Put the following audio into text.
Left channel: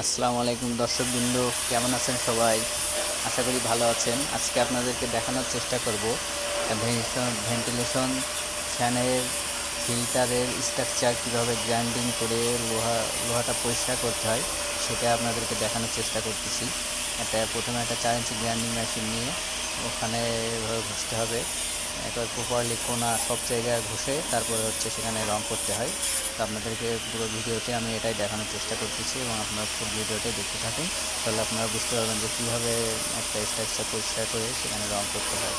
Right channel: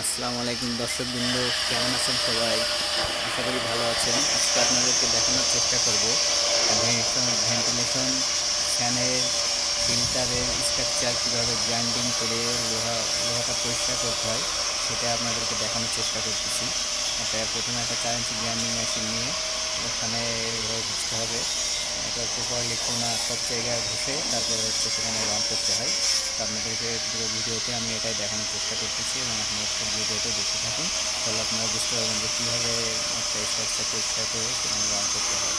আসসালামু আলাইকুম দর্শকবৃন্দ, কেমন আছেন সবাই? আশা করি ভালো আছেন। আজকে আপনাদেরকে দেখানোর চেষ্টা করব ভেন্টিলেশন ফ্যানের ফিল্টারের স্ট্রাকচার কীভাবে গ্রাইন্ডিং করে লোহাটা পরিষ্কার করতে হয় সেটা আপনাদেরকে দেখানোর চেষ্টা করতেছি। প্রথমে একটা কারেন্ট গ্রাইন্ডিং মেশিন নিয়ে ওখানে এভাবে ঘষতে হবে। এটা প্রপারলি কোনা সব জায়গায় ঘষে তারপরে সেখানে রং করতে হয়। তো আপনাদেরকে পুরো ভিডিওতে আমি এটাই দেখানোর চেষ্টা করতেছি এবং আপনারা সব ভিডিওতে দেখতে থাকুন, তাহলে আপনারা বুঝতে পারবেন যে কীভাবে একটা স্ট্রাকচার পরিষ্কার করে সেখানে রং করতে হয়।